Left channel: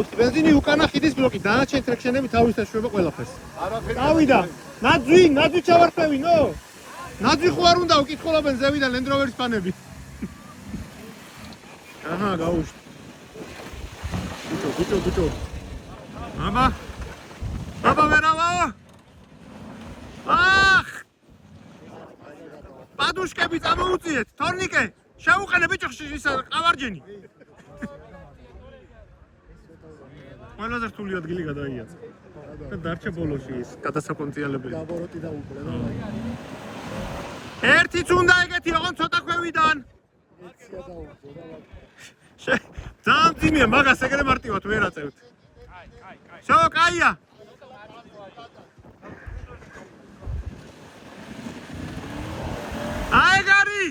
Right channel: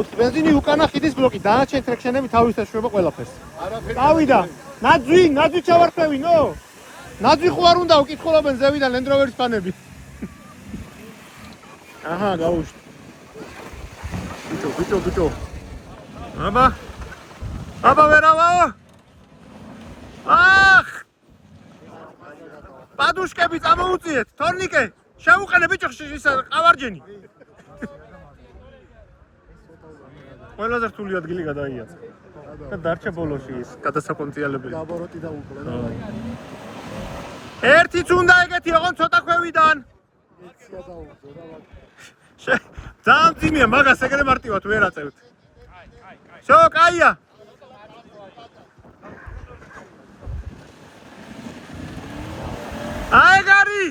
გაუჩნდა ბენზინი უკანა ხიდის ბლოკი დანარჩენ ტრექშენები თავის ეშვება ყველაფერს გავიდა ნაძვი ჩავარქვევინო ნაძვი ხო არ უნდა უკითხულობენ ზევიდან Land Rover-ის ფანები აჰა გაუჩნდა ბიჭო აბა ვერავა ახ პადუშკები წამოუწიეთ თორნიკე შევუყენე ბიჭო ისა ყავარჯენი ყველაზე რთული ადგილი გადაიაცა და დარჩა ბოლოში ის გადასაკონციალებელი გაბოროტი და უყლე ერთიც უნდა ეგეთი ოღონდ ცოტა ქვევიდან ძალიან ძიმია მაგას ეგრე მარტივად ვერ აწევთ შო კაია აი გარი